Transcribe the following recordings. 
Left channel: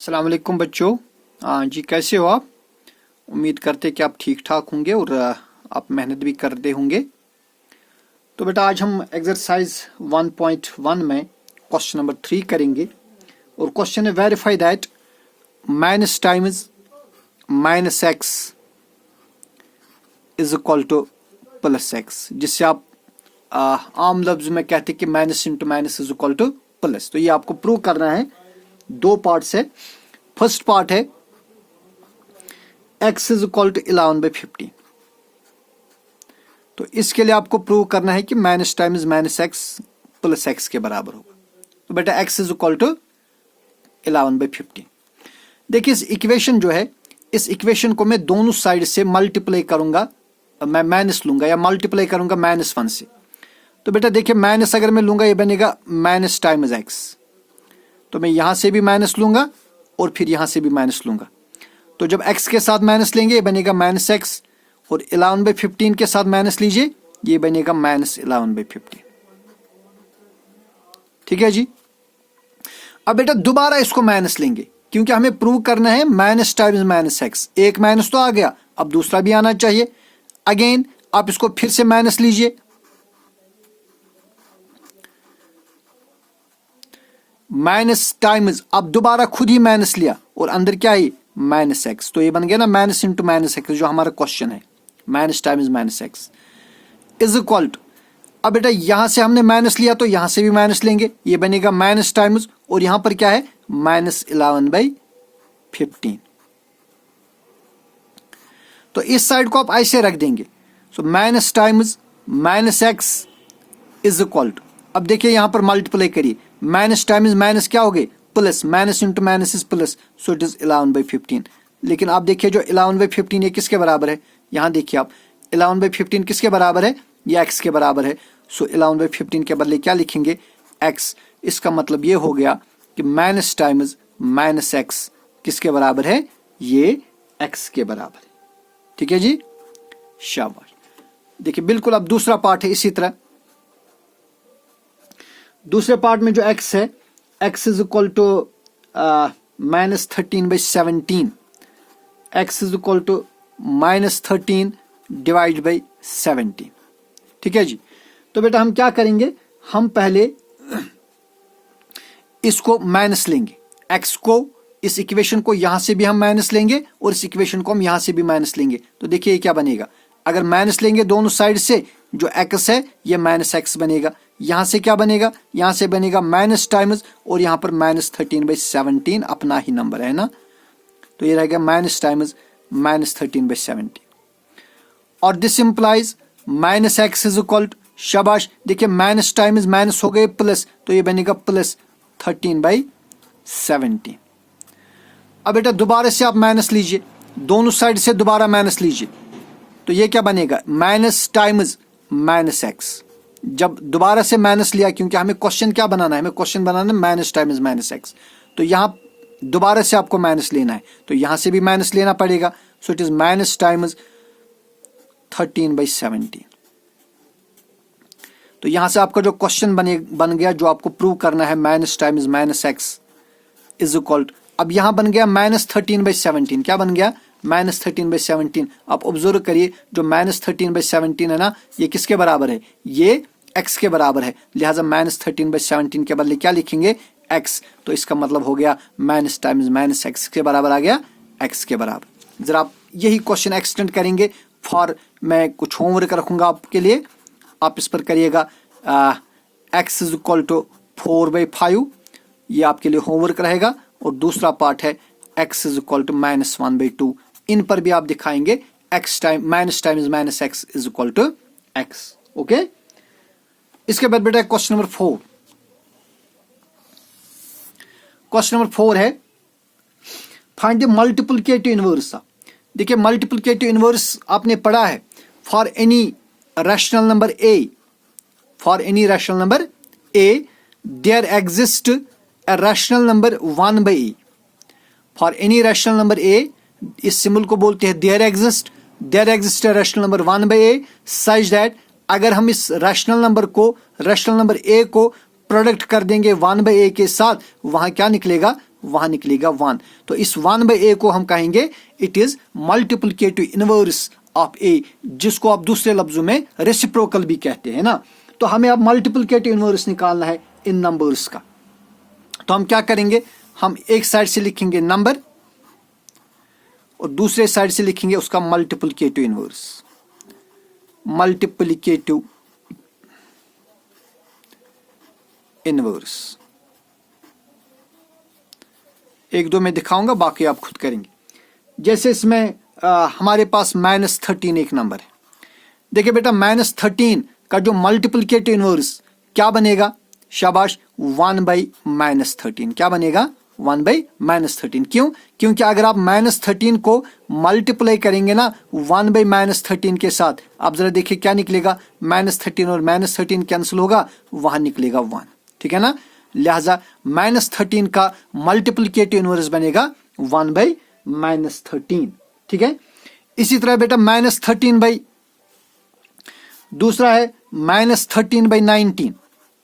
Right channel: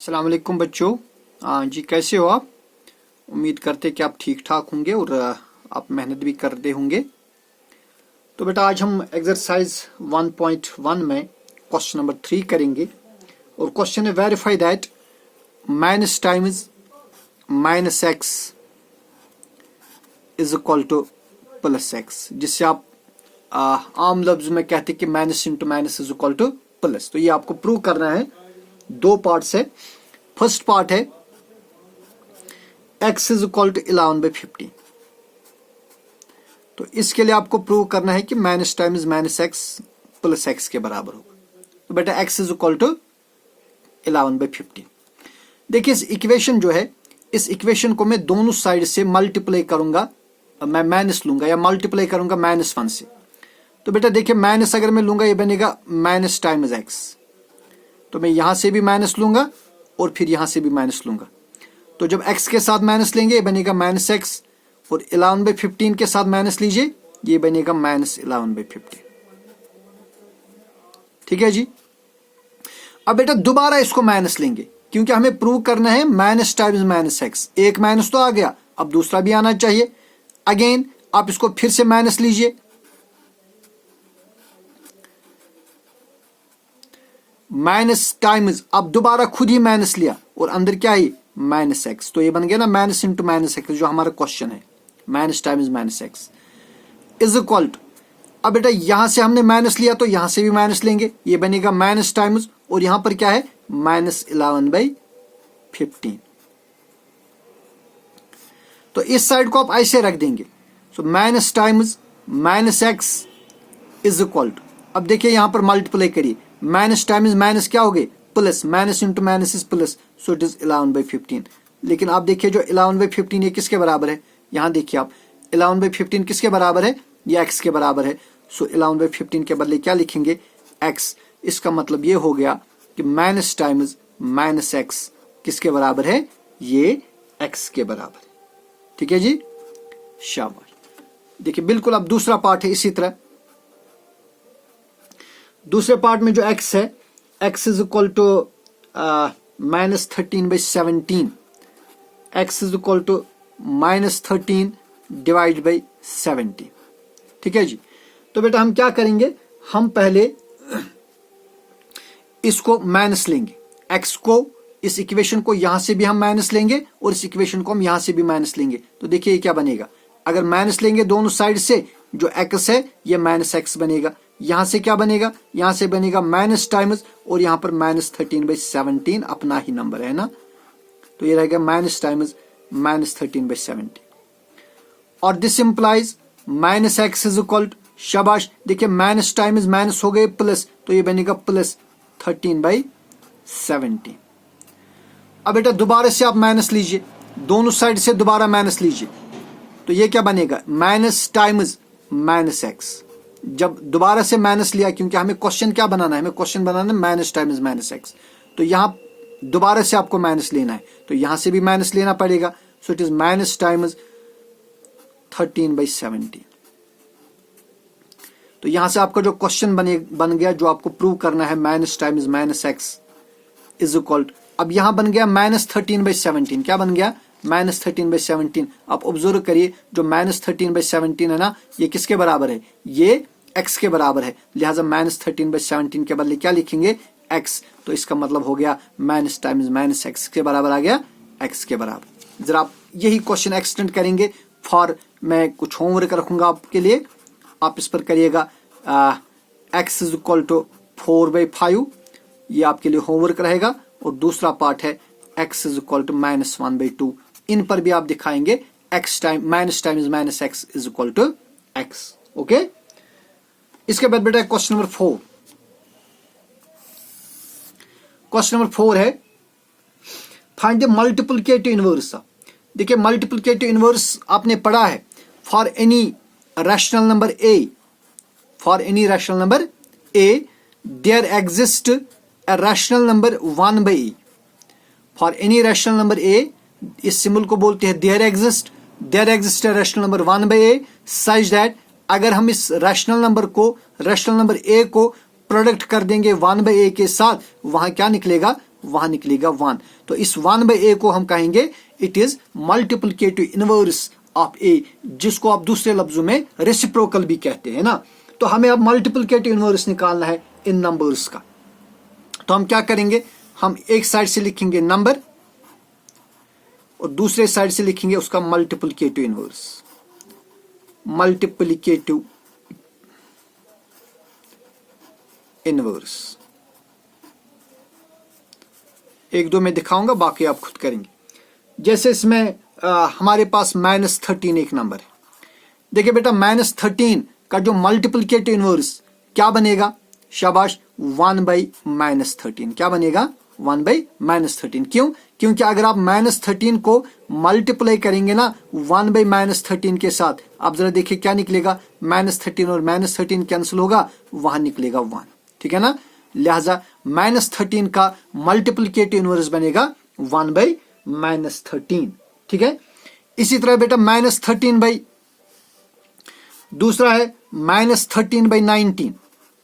अस्सलाम वालेकुम बच्चों। जी कैसे हो आप? उम्मीद करते कि आप ठीक ठाक होंगे और आप मेहनत भी करते होंगे। तो बेटा आज हम एक्सरसाइज 1.1 में क्वेश्चन नंबर 3 करेंगे और क्वेश्चन है verify that minus times minus x is equal two plus x, जिससे आप आम लफ्ज में कहते हैं कि minus into minus is equal two plus. तो ये आपको प्रूव करना है। दो पार्ट्स है। फर्स्ट पार्ट है x इज इक्वल टू 11/50। तो इसके लिए आपको प्रूव करना है कि minus times minus x plus x के बराबर होगा। तो बेटा x इज इक्वल टू 11/50। देखिए इस इक्वेशन जो है, इस इक्वेशन को मैं दोनों साइड से मल्टीप्लाई करूंगा, मैं माइनस लूंगा या मल्टीप्लाई करूंगा -1 से। तो बेटा देखिए माइनस अगर मैं लूंगा ये बनेगा माइनस टाइम्स एक्स, तो मैं यहां से भी माइनस लूंगा और फिर यहां से भी माइनस लूंगा। तो जब x के साथ माइनस लेंगे ये बनेगा माइनस एक्स, और 11/15 के साथ माइनस लीजिए ये बनेगा -11/50। ठीक है जी। अब बेटा दोबारा इसको माइनस लेंगे क्योंकि हमें प्रूव करना है माइनस टाइम्स माइनस एक्स। एक माइनस तो आ गया, अब दूसरा भी आना चाहिए। अगेन आप इसको फिर से माइनस लीजिए, माइनस टाइम्स, अब दोबारा खुद ही माइनस लिया और अंदर क्या है माइनस एक्स। तो ये बन गया ना माइनस इंटू माइनस एक्स, जो हमारा क्वेश्चन है minus times minus x is equal to. अब बेटा यहां से हमने माइनस लिया तो यहां से भी माइनस लेंगे, ये बनेगा माइनस टाइम्स, और यहां पर क्या है -11/15। तो इस साइड को आप ऐसे रख देंगे। So minus times minus x is equal to, अब देखिए यहां पर मल्टीप्लाई करिए, माइनस टाइम्स माइनस क्या हो गए plus, minus into minus is plus, so it is 11/15। लेकिन आप देखिए जो 11/15 ये किसके बराबर है, यहां देखिए आप 11/15 किसके बराबर है, ये x के बराबर है। सो 11/15 के बदले क्या लिखेंगे x। इसका मतलब ये हो गया कि माइनस टाइम्स माइनस एक्स किसके बराबर है, ये x के बराबर है। ठीक है जी, शाबाश। देखिए बिल्कुल अब दूसरा पार्ट है इसी तरह। दूसरे पार्ट में जो x है, x is equal to -13/17, x is equal to -13 divide by 17। ठीक है जी। तो बेटा हम क्या करेंगे, हम पहले इसको माइनस लेंगे, x को, इस इक्वेशन को यहां से भी हम माइनस लेंगे और इस इक्वेशन को हम यहां से भी माइनस लेंगे। तो देखिए ये क्या बनेगा, अगर माइनस लेंगे दोनों साइड से, जो x है ये माइनस एक्स बनेगा। यहां से क्या बनेगा, यहां से बनेगा माइनस टाइम्स, और यहां पर -13/17 अपना ही नंबर है ना, तो ये रहेगा माइनस टाइम्स -13/17। और this implies minus x is equal to, शाबाश, देखिए माइनस टाइम्स माइनस हो गए प्लस, तो ये बनेगा +13/17। अब बेटा दोबारा से आप माइनस लीजिए, दोनों साइड से दोबारा माइनस लीजिए, तो ये क्या बनेगा माइनस टाइम्स माइनस एक्स। जब दोबारा से माइनस लिया, क्योंकि हमें क्वेश्चन क्या बनाना है, हमें क्वेश्चन बनाना है माइनस टाइम्स माइनस एक्स, तो यहां दोबारा से आपको माइनस लेना है, तो यहां से भी माइनस लेना पड़ेगा। सो इट इज माइनस टाइम्स 13/17। तो यहां से आपका जो क्वेश्चन बन गया, जो आपको प्रूव करना है minus times minus x is equal to, अब यहां बन गया -13/17। क्या बन गया -13/17। आप ऑब्जर्व करिए जो -13/17 है ना, ये किसके बराबर है, ये x के बराबर है, लिहाजा -13/17 के बदले क्या लिखेंगे x। तो इसका मतलब हो गया माइनस टाइम्स माइनस एक्स के बराबर आ गया x के बराबर। जरा आप यही क्वेश्चन एक्सटेंड करेंगे फॉर, मैं कुछ होमवर्क रखूंगा आपके लिए, आप इस पर करिएगा। x इज इक्वल टू 4/5, ये आपके लिए होमवर्क रहेगा। और दूसरा पार्ट है x इज इक्वल टू -1/2, इन पर भी आप दिखाएंगे x time minus times minus x is equal to x। Okay, इसके बाद बेटा क्वेश्चन नंबर 4। क्वेश्चन नंबर 4 है फाइंड द मल्टीप्लिकेटिव इनवर्स। देखिए मल्टीप्लिकेटिव इनवर्स आपने पढ़ा है, for any rational number a, for any rational number a there exist a rational number 1/a। For any rational number a, इस symbol को बोलते हैं there exist a rational number 1/a such that, अगर हम इस रैशनल नंबर को, rational number a को product कर देंगे 1/a के साथ, वहां क्या निकलेगा वहां निकलेगा 1। तो इस 1/a को हम कहेंगे it is multiplicative inverse of a, जिसको आप दूसरे लफ्जों में रेसिप्रोकल भी कहते हैं ना। तो हमें अब मल्टीप्लिकेटिव इनवर्स निकालना है इन नंबर्स का। तो हम क्या करेंगे, हम एक साइड से लिखेंगे नंबर और दूसरे साइड से लिखेंगे उसका मल्टीप्लिकेटिव इनवर्स। मल्टीप्लिकेटिव इनवर्स एक दो में दिखाऊंगा, बाकी आप खुद करेंगे। जैसे इसमें हमारे पास -13 एक नंबर है। देखिए बेटा, -13 का जो मल्टीप्लिकेटिव इनवर्स क्या बनेगा, शाबाश, 1/-13। क्या बनेगा, 1/-13। क्यों? क्योंकि अगर आप -13 को मल्टीप्लाई करेंगे ना 1/-13 के साथ, आप जरा देखिए क्या निकलेगा, -13 और -13 कैंसिल होगा, वहां निकलेगा 1। ठीक है ना। लिहाजा -13 का मल्टीप्लिकेटिव इनवर्स बनेगा 1/-13। ठीक है। इसी तरह बेटा -13 दूसरा है -13/19।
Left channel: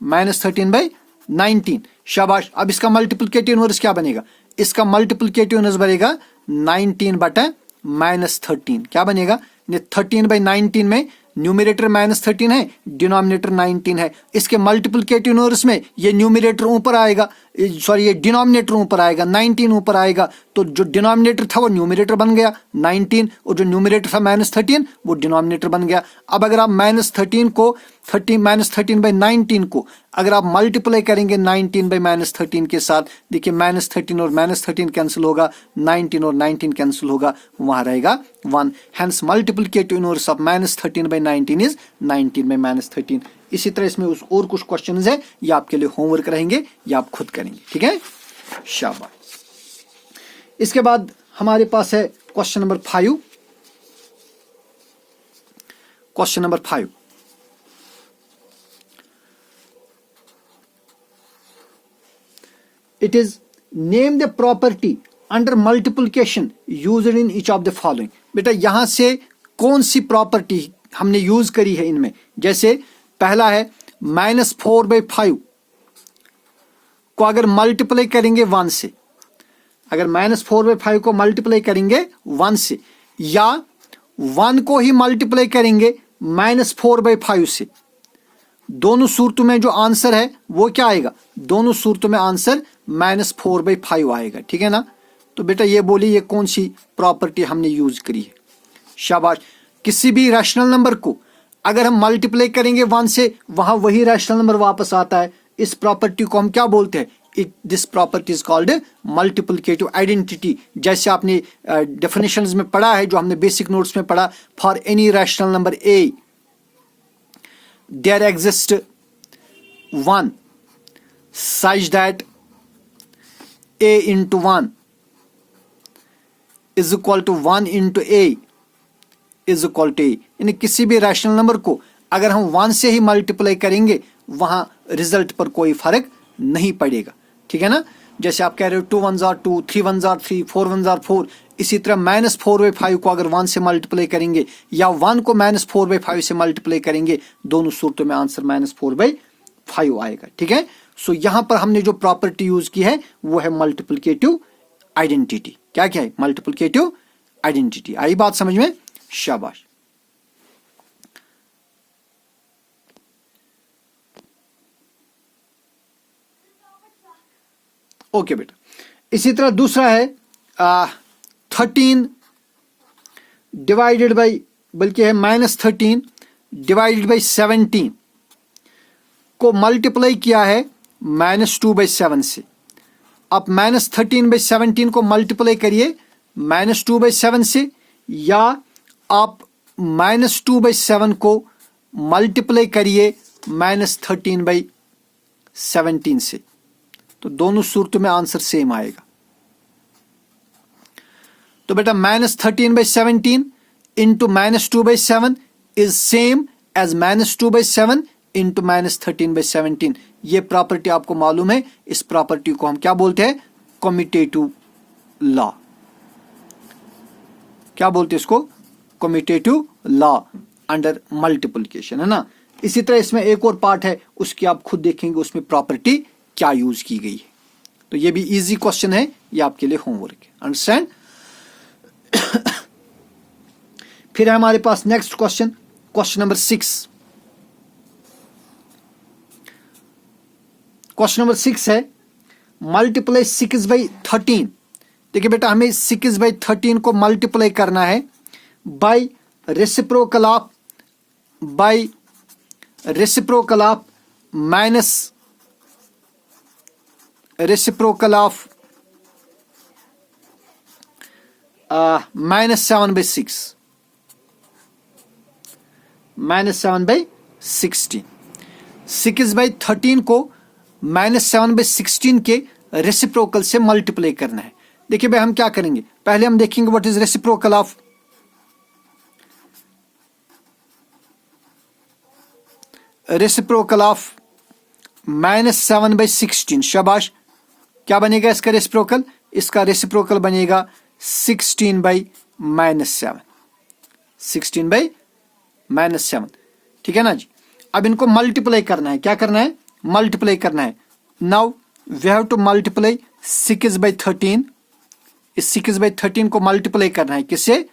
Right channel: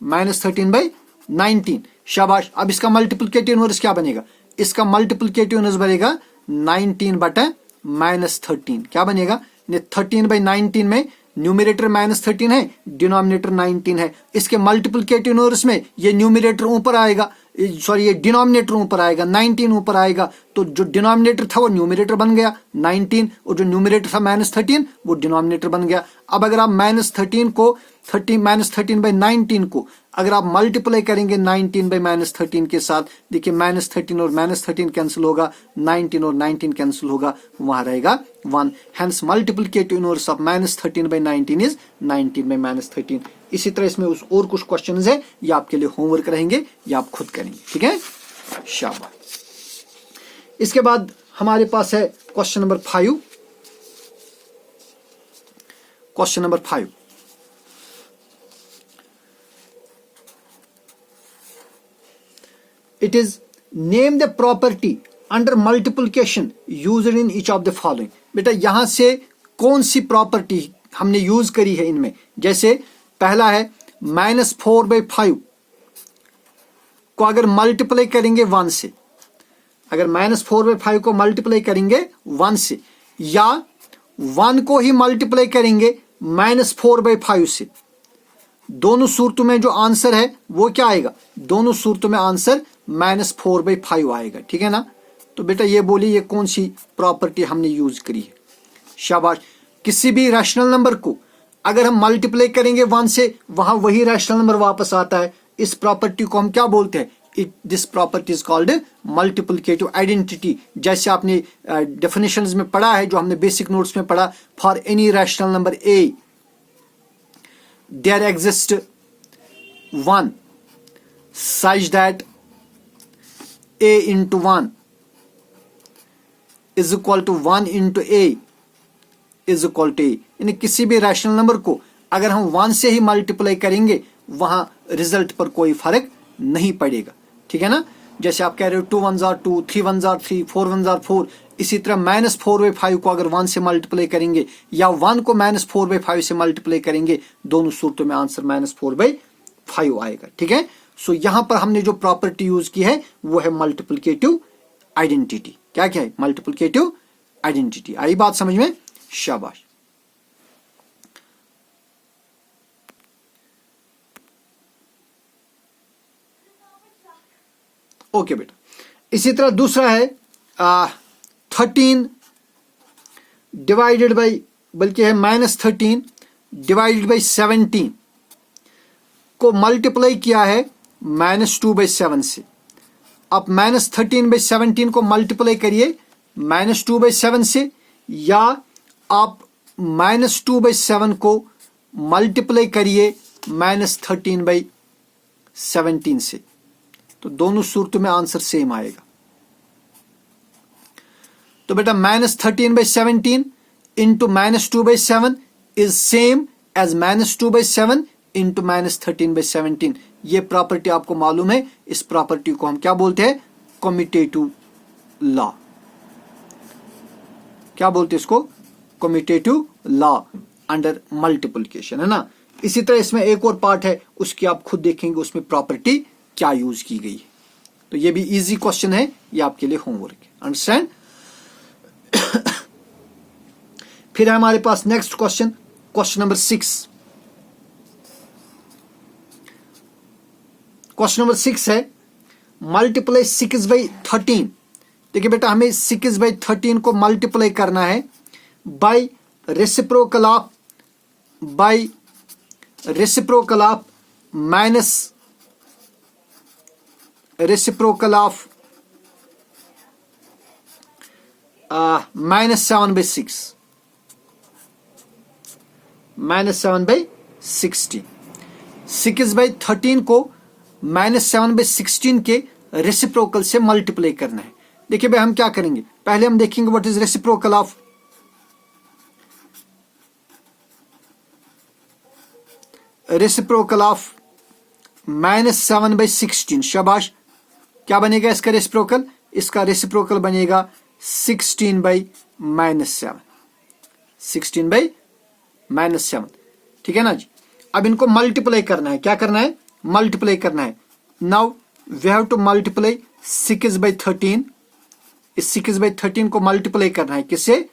-13/19, शाबाश। अब इसका मल्टीप्लिकेटिव इनवर्स क्या बनेगा, इसका मल्टीप्लिकेटिव इनवर्स बनेगा 19/-13। क्या बनेगा, 13/19 में न्यूमरेटर -13 है, डिनोमिनेटर 19 है। इसके मल्टीप्लिकेटिव इनवर्स में ये न्यूमरेटर ऊपर आएगा, सॉरी ये डिनोमिनेटर ऊपर आएगा, 19 ऊपर आएगा। तो जो डिनोमिनेटर था वो न्यूमरेटर बन गया 19, और जो न्यूमरेटर था -13 वो डिनोमिनेटर बन गया। अब अगर आप -13 को -13/19 को अगर आप मल्टीप्लाई करेंगे 19/-13 के साथ, देखिए -13 और -13 कैंसिल होगा, 19 और 19 कैंसिल होगा, वहां रहेगा 1। Hence multiplicative inverse of -13/19 is 19/-13। इसी तरह इसमें और कुछ क्वेश्चंस है, ये आपके लिए होमवर्क रहेंगे, ये आप खुद करेंगे। ठीक है, शाबाश। इसके बाद हमारे पास है question number 5। Question number 5, it is name the property under multiplication used in each of the following। बेटा यहां से कौन सी प्रॉपर्टी हमने यूज करी है इनमें। जैसे पहला है -4/5 को अगर मल्टीप्लाई करेंगे 1 से, अगर -4/5 को मल्टीप्लाई करेंगे 1 से, या 1 को ही मल्टीप्लाई करेंगे -4/5 से, दोनों सूरतों में जो आंसर है वो क्या आएगा, दोनों सूरतों में आंसर -4/5 आएगा। ठीक है ना। तो बेटा ये बोली ये कौन सी प्रॉपर्टी हमने यूज करी है, शाबाश। किसी भी रैशनल नंबर को अगर हम मल्टीप्लाई करेंगे 1 से, वहां वही रैशनल नंबर वापस आता है। इस प्रॉपर्टी को हम क्या बोलते हैं, this property is called multiplicative identity. जैसे आपने डेफिनेशंस में पढ़ा है, जो हमने बेसिक नोट्स में पढ़ा, for any rational number A there exists 1 such that a into 1 is equal to 1 into a is equal to a। यानी किसी भी रैशनल नंबर को अगर हम 1 से ही मल्टीप्लाई करेंगे, वहां रिजल्ट पर कोई फर्क नहीं पड़ेगा। ठीक है ना। जैसे आप कह रहे हो 2 1s are 2, 3 1s are 3, 4 1s are 4। इसी तरह -4/5 को अगर 1 से मल्टीप्लाई करेंगे, या 1 को -4/5 से मल्टीप्लाई करेंगे, दोनों सूरतों में आंसर -4/5 आएगा। ठीक है। सो यहां पर हमने जो प्रॉपर्टी यूज की है वो है मल्टीप्लिकेटिव आइडेंटिटी। क्या क्या है, मल्टीप्लिकेटिव आइडेंटिटी। आई बात समझ में, शाबाश। ओके बेटा। इसी तरह दूसरा है 13 डिवाइडेड बाई, बल्कि है -13 डिवाइडेड बाई 17 को मल्टीप्लाई किया है -2/7 से। अब -13/17 को मल्टीप्लाई करिए -2/7 से, या आप -2/7 को मल्टीप्लाई करिए -13/17 से। तो दोनों सूरतों में आंसर सेम आएगा। तो बेटा -13/17 into -2/7 is same as -2/7 into -13/17। ये प्रॉपर्टी आपको मालूम है। इस प्रॉपर्टी को हम क्या बोलते हैं, कम्यूटेटिव लॉ। क्या बोलते हैं इसको, कम्यूटेटिव लॉ अंडर मल्टीप्लिकेशन, है ना। इसी तरह इसमें एक और पार्ट है, उसकी आप खुद देखेंगे उसमें प्रॉपर्टी क्या यूज की गई है। तो ये भी इजी क्वेश्चन है, ये आपके लिए होमवर्क है। अंडरस्टैंड। फिर है हमारे पास next question, question number 6। Question number 6 है मल्टीप्लाई 6/13। देखिए बेटा, हमें 6/13 को मल्टीप्लाई करना है by reciprocal of minus reciprocal of -7/6 -7/16। 6/13 को -7/16 के रेसिप्रोकल से मल्टीप्लाई करना है। देखिए भाई, हम क्या करेंगे, पहले हम देखेंगे व्हाट इज रेसिप्रोकल ऑफ -7/16। शाबाश, क्या बनेगा इसका रेसिप्रोकल? इसका रेसिप्रोकल बनेगा 16/-7। 16/-7, ठीक है ना जी। अब इनको मल्टीप्लाई करना है। क्या करना है? मल्टीप्लाई करना है। Now we have to multiply 6/13। इस 6/13 को मल्टीप्लाई करना है किससे?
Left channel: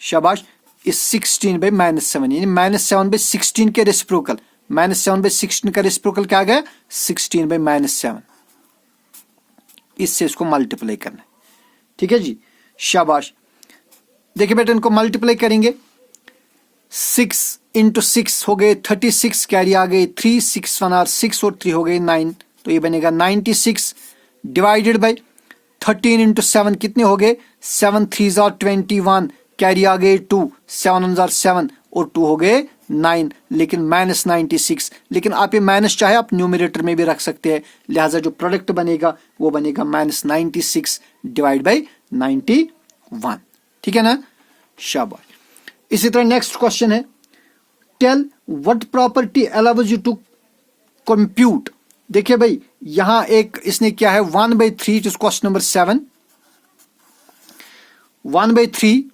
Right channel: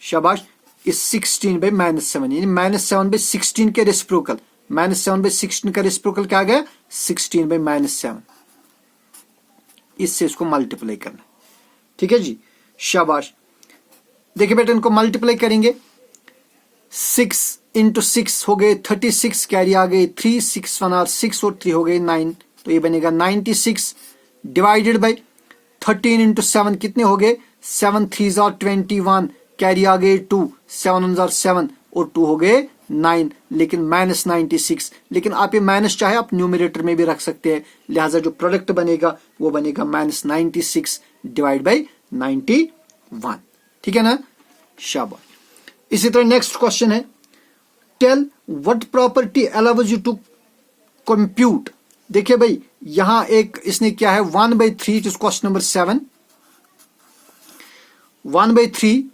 शाबाश, इस 16/-7 यानी -7/16 के रेसिप्रोकल। -7/16 का रेसिप्रोकल क्या आ गया? 16/-7। इससे इसको मल्टीप्लाई करना है, ठीक है जी। शाबाश, देखिए बेटा, इनको मल्टीप्लाई करेंगे। 6 × 6 हो गए 36, कैरी आ गई 3, 6 1 6 और 3 हो गए 9, तो ये बनेगा 96 डिवाइडेड बाय 13 × 7 कितने हो गए? 7 3 21, कैरी आ गए 2, 7 1 7 और 2 हो गए 9, लेकिन -96। लेकिन आप ये माइनस चाहे आप न्यूमरेटर में भी रख सकते हैं, लिहाजा जो प्रोडक्ट बनेगा वो बनेगा -96 डिवाइड बाय 91, ठीक है ना। शाबाश। इसी तरह नेक्स्ट क्वेश्चन है, tell what property allows you to compute. देखिए भाई, यहां एक इसने क्या है 1/3, is question number 7। 1/3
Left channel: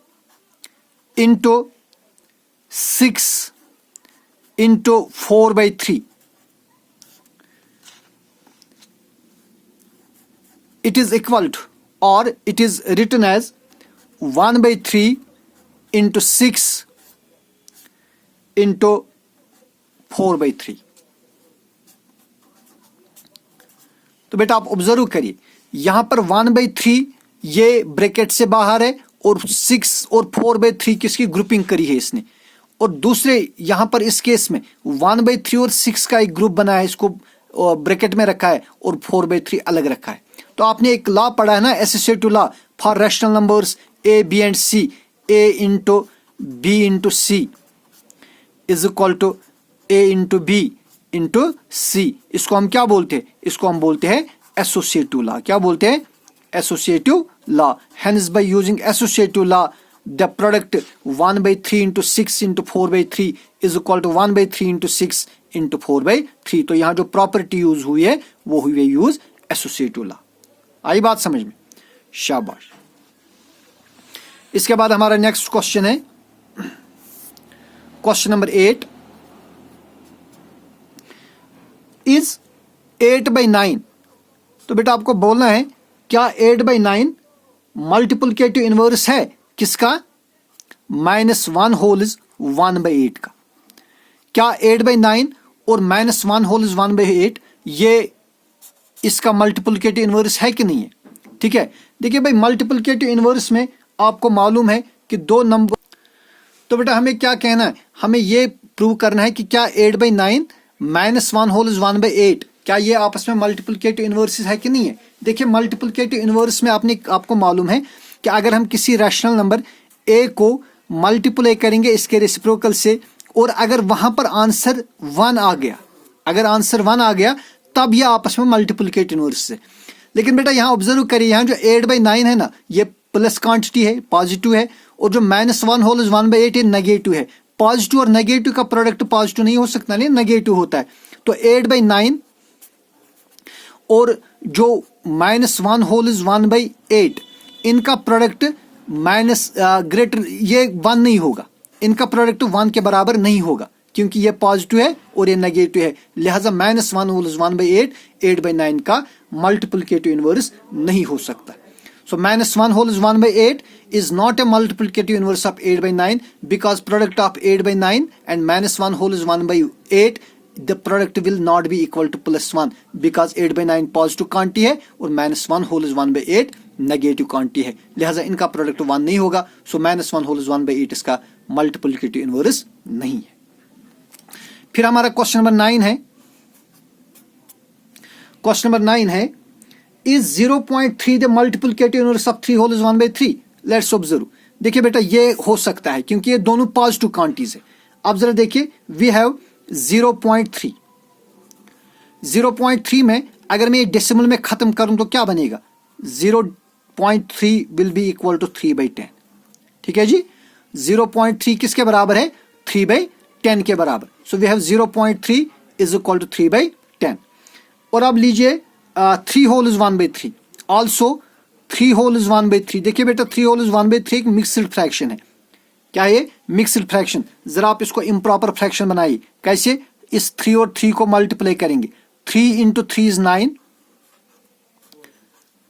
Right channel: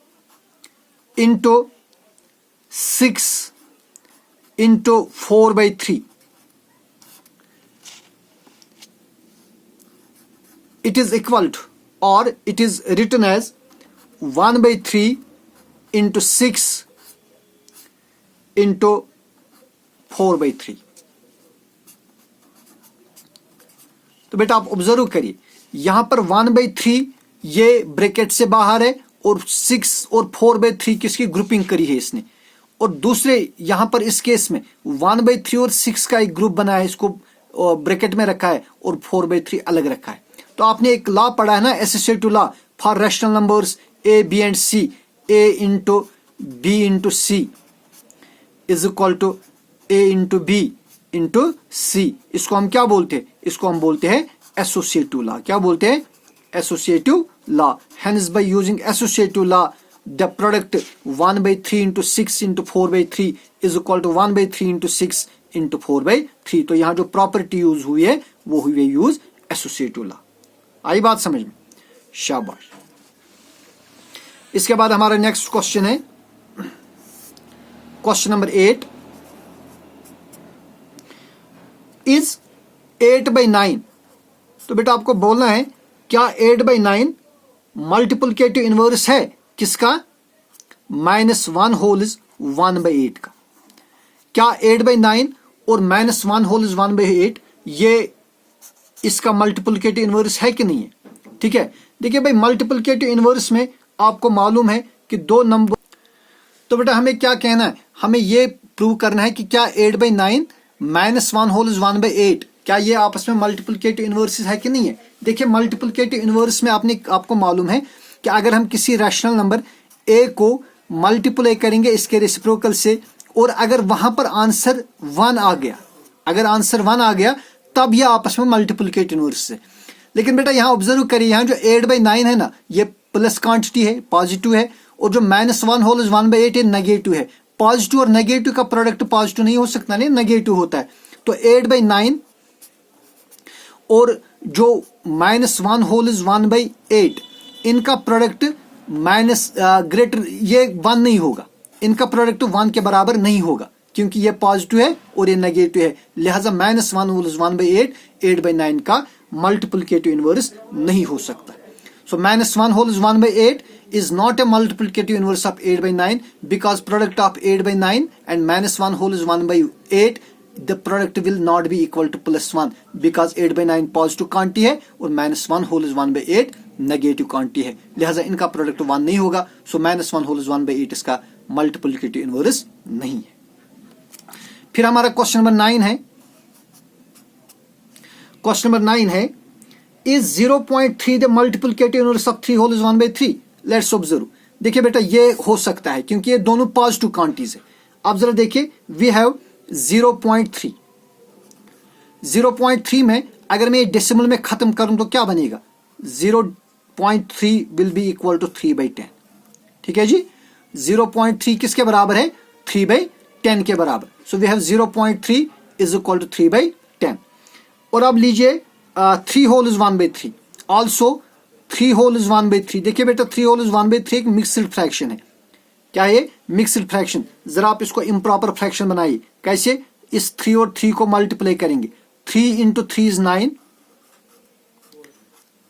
into 6 into 4/3, it is equal to, or it is written as 1/3 into 6 into 4/3। तो बेटा आप ऑब्जर्व करिए, यहां पर 1/3 ये ब्रैकेट से बाहर है और 6 और 4/3 किसकी ग्रुपिंग करी है इसने, और दूसरे यहां पर इस केस में 1/3 और 6 का एक ग्रुप बना है, इसको ब्रैकेट में रखा है और 4/3 अलग रखा है। तो आपने एक लॉ पढ़ा है ना, associative law for rational numbers A B and C, A into B into C is equal to A into B into C. इसको हम क्या बोलते हैं? इसको हम बोलते हैं एसोसिएटिव लॉ। क्या बोलते हैं? Associative law. Hence by using associative law the product 1/3 into 6 into 4/3 is equal to 1/3 into 6 into 4/3। तो यहां जो प्रॉपर्टी यूज हुई है वो हुई है यूज एसोसिएटिव लॉ। आई बात समझ में? शाबाश। इसके बाद हमारा नेक्स्ट क्वेश्चन है क्वेश्चन नंबर 8, इज 8/9। तो बेटा आपको बोलना है क्या 8/9 मल्टीप्लिकेटिव इनवर्स है किसका? -1 होल इज 1/8 का। क्या 8/9 और -1 होल इज 1/8 ये इसका मल्टीप्लिकेटिव इनवर्स है कि नहीं है? ठीक है, देखिए भाई, मल्टीप्लिकेटिव इनवर्स में आपको मालूम है कि दो नंबर, तो बेटा हमें क्या कहना है, हमें ये प्रूव करना है कि क्या 8/9 -1 होल इज 1/8 क्या ये आपस में मल्टीप्लिकेटिव इनवर्स है कि नहीं है। देखिए मल्टीप्लिकेटिव इनवर्स में आपको मालूम है कि अगर हम किसी रैशनल नंबर ए को मल्टीप्लाई करेंगे इसके रेसिप्रोकल से, और अगर वहां पर आंसर 1 आ गया, अगर आंसर 1 आ गया तब यह आपस में मल्टीप्लिकेटिव इनवर्स है। लेकिन बेटा यहां ऑब्जर्व करिए, यहां जो 8/9 है ना, ये प्लस क्वांटिटी है, पॉजिटिव है, और जो -1 होल इज 1/8 ये नेगेटिव है। पॉजिटिव और नेगेटिव का प्रोडक्ट पॉजिटिव नहीं हो सकता, नहीं, नेगेटिव होता है। तो 8/9 और जो -1 होल इज 1/8 इनका प्रोडक्ट ग्रेटर ये 1 नहीं होगा, इनका प्रोडक्ट 1 के बराबर नहीं होगा। क्योंकि ये पॉजिटिव है और ये नेगेटिव है, लिहाजा -1 होल इज 1/8 8/9 का मल्टीप्लिकेटिव इनवर्स नहीं हो सकता। सो -1 whole is 1/8 is not a multiplicative inverse of 8/9 because product of 8/9 and -1 whole is 1/8, the product will not be equal to +1 because 8/9 positive quantity है और -1 whole is 1/8 नेगेटिव क्वांटिटी है, लिहाजा इनका product 1 नहीं होगा। सो -1 whole is 1/8 इसका multiplicative inverse नहीं है। फिर हमारा क्वेश्चन नंबर 9 है। क्वेश्चन नंबर 9 है, is 0.3 the multiplicative inverse of 3 whole is 1/3? Let's observe. देखिए बेटा ये हो सकता है क्योंकि ये दोनों पॉजिटिव क्वांटिटीज है। अब जरा देखिए, वी हैव 0.3। 0.3 में अगर मैं डेसिमल में खत्म करूं तो क्या बनेगा? 0.3 विल बी इक्वल टू 3/10। ठीक है जी, 0.3 किसके बराबर है? 3/10 के बराबर। So we have 0.3 is equal to 3/10। और अब लीजिए 3 whole is 1/3, also 3 whole is 1/3। देखिए बेटा 3 होल इज 1/3 एक मिक्स्ड फ्रैक्शन है। क्या ये? Mixed fraction. जरा आप इसको इम्प्रॉपर फ्रैक्शन बनाइए। कैसे? इस 3 और 3 को मल्टीप्लाई करेंगे। 3 इंटू 3 इज 9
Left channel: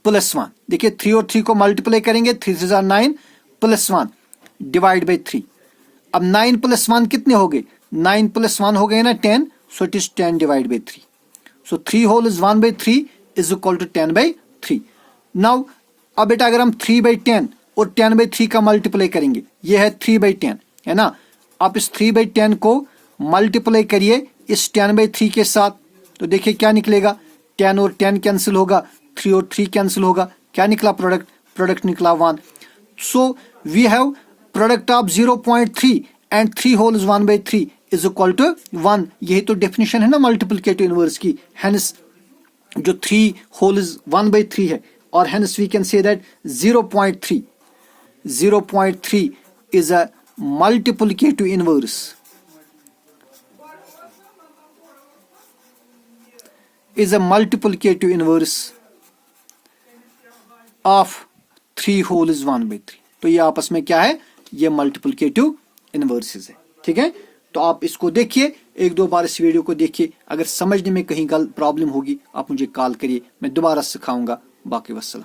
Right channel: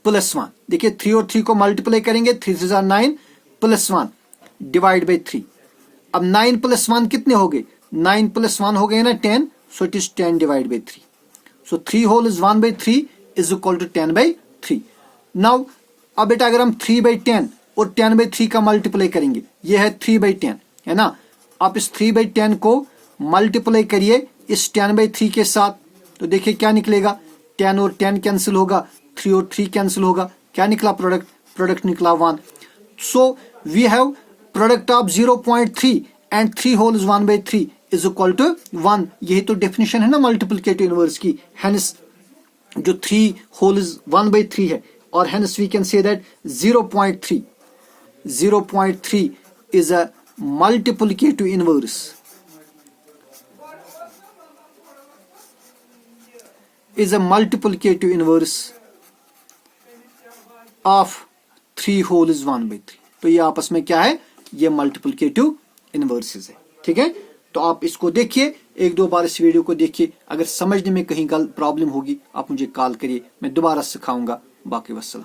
+1। देखिए 3 और 3 को मल्टीप्लाई करेंगे, 3 3 are 9 +1 डिवाइड बाई 3। अब 9 + 1 कितने हो गए? 9 + 1 हो गए ना 10, so it is 10 divide by 3। So 3 whole is 1/3 is equal to 10/3। Now अब बेटा अगर हम 3/10 और 10/3 का मल्टीप्लाई करेंगे, ये है 3/10 है ना। आप इस 3/10 को मल्टीप्लाई करिए इस 10/3 के साथ, तो देखिए क्या निकलेगा? 10 और 10 कैंसिल होगा, 3 और 3 कैंसिल होगा, क्या निकला? प्रोडक्ट निकला 1। So we have product of 0.3 and 3 whole is 1/3 is equal to 1। यही तो डेफिनेशन है ना मल्टीप्लिकेटिव इनवर्स की। हेंस जो 3 होल इज 1/3 है, और hence we can say that 0.3 is a multiplicative inverse of 3 whole is 1/3। तो ये आपस में क्या है? ये मल्टीप्लिकेटिव इनवर्सेस है। ठीक है, तो आप इसको देखिए, 1-2 बार इस वीडियो को देखिए। अगर समझने में कहीं प्रॉब्लम होगी आप मुझे कॉल करिए, मैं दोबारा सिखाऊंगा। बाकी वस्सलाम।